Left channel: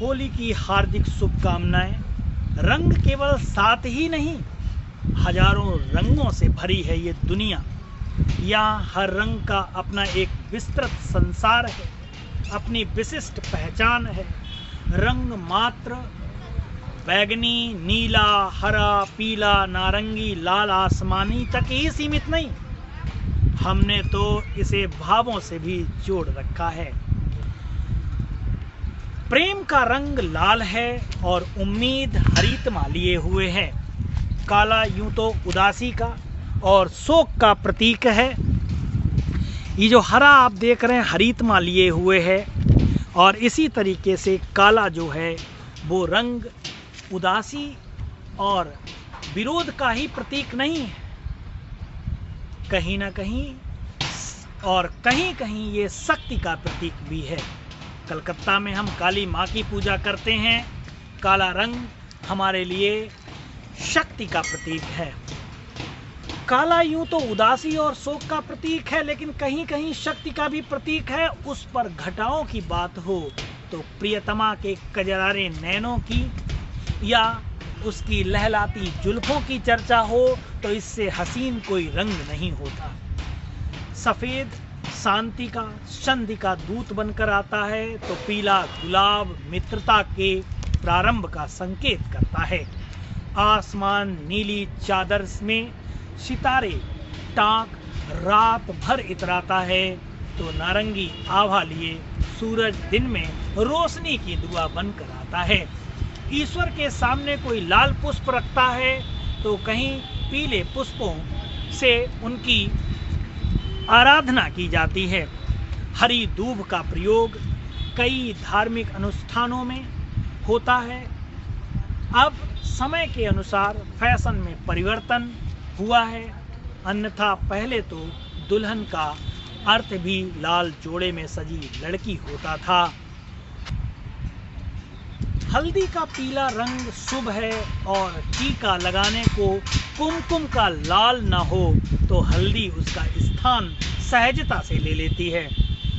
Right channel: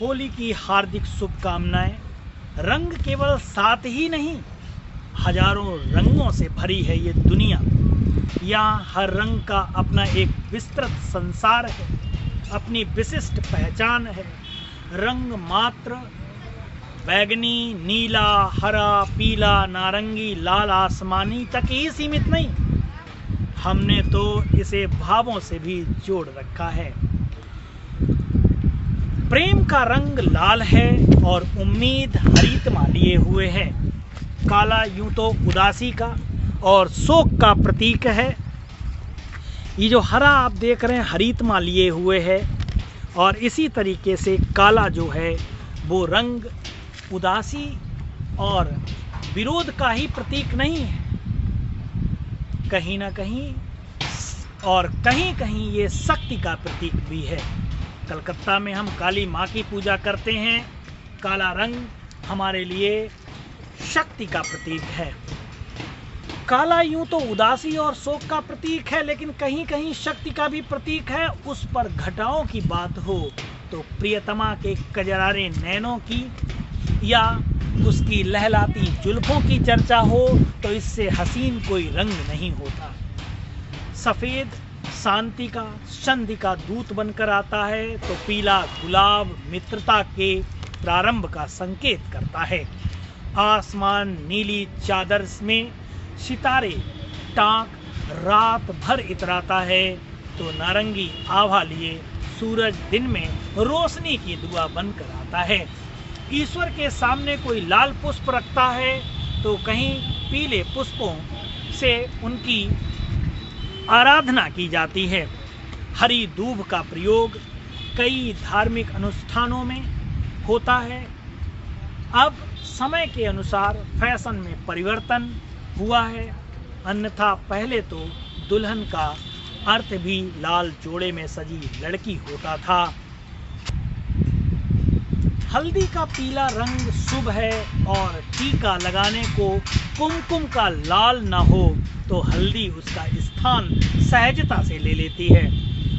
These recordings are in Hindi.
होली की हार्दिक शुभकामनाएं। रंग केवल 7 ही नहीं, हजारों रंगों से भरी है ये दुनिया। यहाँ हर रंग का अपना एक विस्तृत संसार है, अपनी विशिष्ट पहचान है। रंग मात्र बैगनी, नीला, हरा, पीला, नारंगी, लाल, आसमानी तक ही सीमित नहीं, हमने तो इसे भावों से भी जोड़ रखा है। प्रेम का रंग लाल है और उम्मीद हरितमा लिए हुए है। काला यूं तो उदासी का और शोक का प्रतीक है। ये जो हरा आप देख रहे हैं हरितमा लिए हुए है, और इसी तरीके से काला जो है वो रंग उदासी और विरोध का ही प्रतीक नहीं है, कहीं ना कहीं, और कहीं कहीं ये शक्ति का प्रतीक भी है। कलकत्ता में हम काली माँ की पूजा करते हैं। काला रंग हमारे लिए शक्ति का प्रतीक है। काला यूं तो उदासी और शोक का प्रतीक है, लेकिन कहीं कहीं शक्ति का भी प्रतीक है। उस पर घटाओं की बात हो तो प्रियतमा के कजरारे नैनों की या उसकी लहलाती जुल्फों की चर्चा हो तो इससे हसीन कोई रंग नहीं होता। सफेद शांति का, संधि का दूत बनकर आता है, तो पीला गुलाब मित्रता के प्रारंभ का संकेत करता है। आसमान नीली चादर में सितारे टाक रात भर इतराता है, तो नारंगी आभा लिए सूरज दिन में रोशनी की दुआ बनकर आता है। ईश्वर के सामने कोई लाल पुष्प रखता है तो कहीं पीले पुष्पों से उनकी आराधना की जाती है। हरी दूब का प्रयोग कई धार्मिक अनुष्ठानों में होता है। अब समय के अनुसार फैशन में परिवर्तन हुआ है, अन्यथा पहले तो दुल्हन का अर्थ भी लाल जोड़े में सजी लड़की होता था। हल्दी का पीला रंग शुभ है, और टीका लगाने को कुमकुम का लाल न हो तो हल्दी उसका स्थान सहजता से ले लेती है।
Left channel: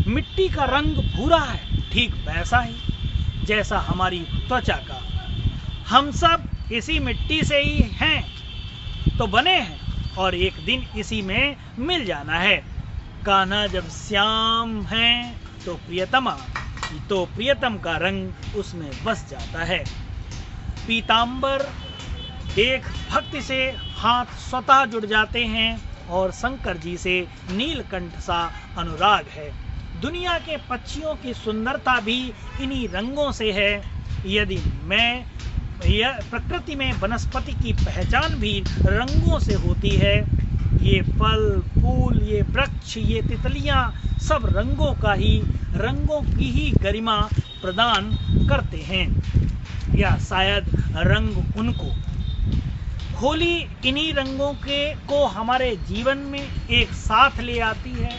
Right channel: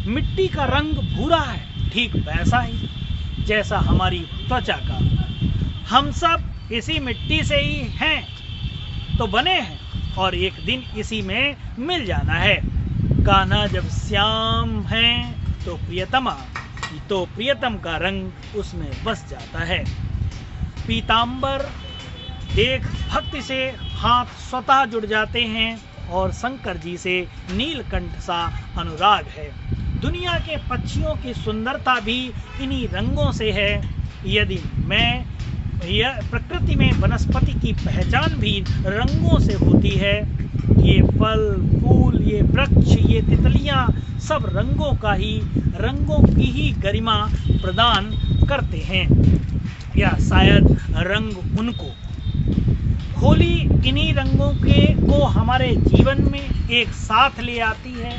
मिट्टी का रंग भूरा है, ठीक वैसा ही जैसा हमारी त्वचा का। हम सब इसी मिट्टी से ही हैं तो बने हैं, और एक दिन इसी में मिल जाना है। कान्हा जब श्याम है तो प्रियतम का रंग उसमें बस जाता है। पीतांबर देख भक्ति से हाथ स्वतः जुड़ जाते हैं, और शंकर जी से नीलकंठ सा अनुराग है। दुनिया के पक्षियों की सुंदरता भी इन्हीं रंगों से है। यदि प्रकृति में वनस्पति की पहचान भी रंगों से होती है। ये फल फूल, ये वृक्ष, ये तितलियां सब रंगों की ही गरिमा प्रदान करते हैं, या शायद रंग उनको। होली इन्हीं रंगों को हमारे जीवन में एक साथ ले आती है,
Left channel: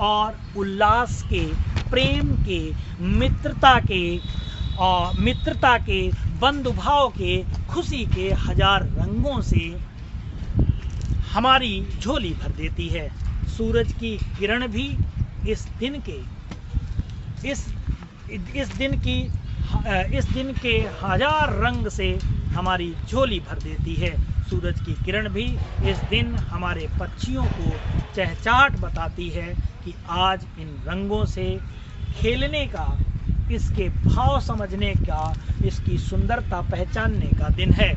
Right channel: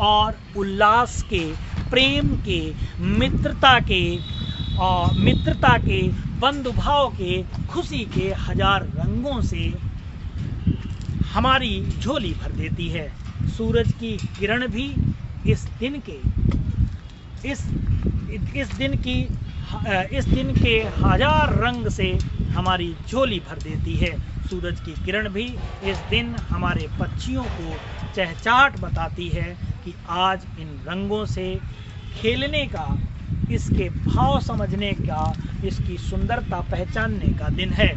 और उल्लास के, प्रेम के, मित्रता के, बंधुभाव के, खुशी के हजार रंगों से हमारी झोली भर देती है। सूरज की किरण भी इस दिन के हजार रंग से हमारी झोली भर देती है। सूरज की किरण भी इस दिन हमारे पक्षियों को चहचहाट बताती है कि आज इन रंगों से खेलने का, इसके भाव समझने का, इसकी सुंदरता पहचानने का दिन है।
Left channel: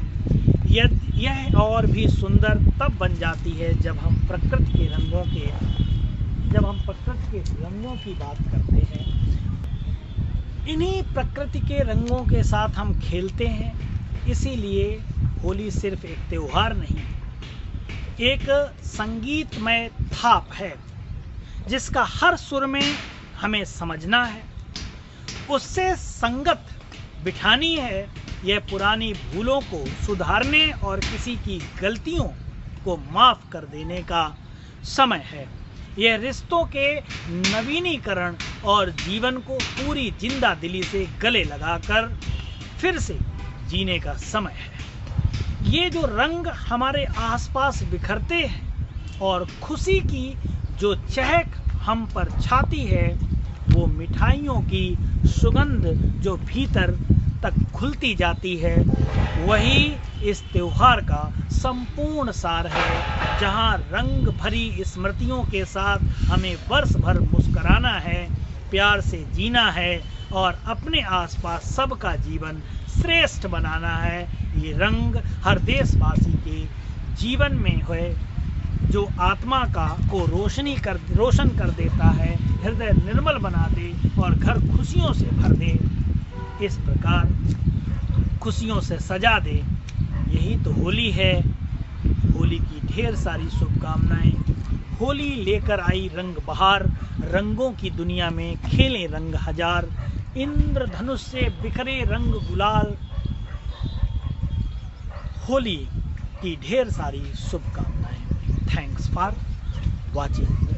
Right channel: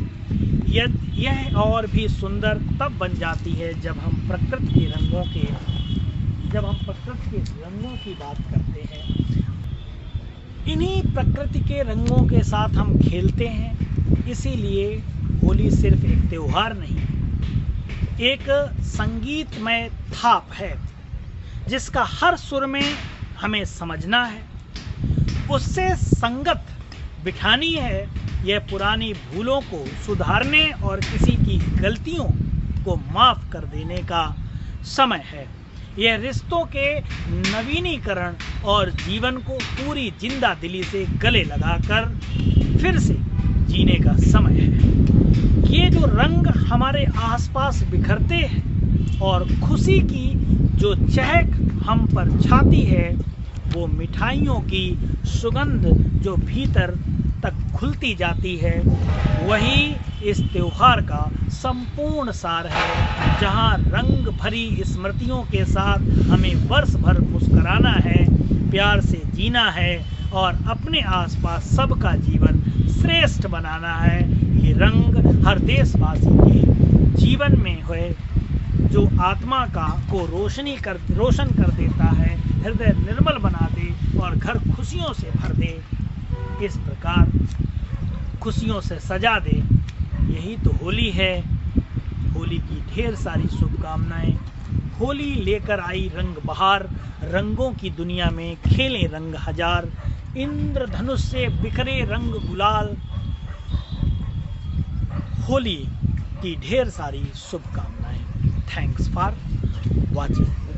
यह और भी सुंदर तब बन जाती है जब हम प्रकृति के रंगों की बात करते हैं। इन्हीं प्रकृति के रंगों के साथ हम खेलते हैं। इसीलिए होली सिर्फ एक त्योहार नहीं, एक संगीतमय थाप है, जिसका हर सुर में हमें समझना है, उससे संगत बिठानी है। यह पुरानी भूलों को सुधारने और किसी की गलतियों को माफ कर देने का समय है। यह रिश्तों के नवीनीकरण और जीवन को पूरी जिंदा दिली से गले लगाकर फिर से जीने का समय है। ये जो रंग हमारे आसपास बिखरते हैं और खुशी की जो चहक हम पर छाती है, वो मिठाइयों की सुगंध जो भीतर तक खुलती जाती है, वही इस त्योहार का संपूर्ण सार है। जहाँ रंग भरी स्मृतियों के साथ हमें वर्ष भर मुस्कुराना है, प्यार से जीना है और अपने आसपास सबका जीवन श्रेष्ठ बनाना है। ये रंग हर देशवासी के जीवन में है जो आत्मा को रोशन कर देता है, हृदय निर्मल बना दे और घर खुशियों से भर दे, इस प्रकार खुशियों से सजा दे। यही तो होली है। होली की ढेर सारी शुभकामनाएं। होली लेकर आई रंग बहार, रंगों की दुनिया में खेलें रंग हजार, इंद्रधनुष से बिखरे रंग गुलाल। होली की ढेर सारी शुभकामनाएं। Thanks for watching.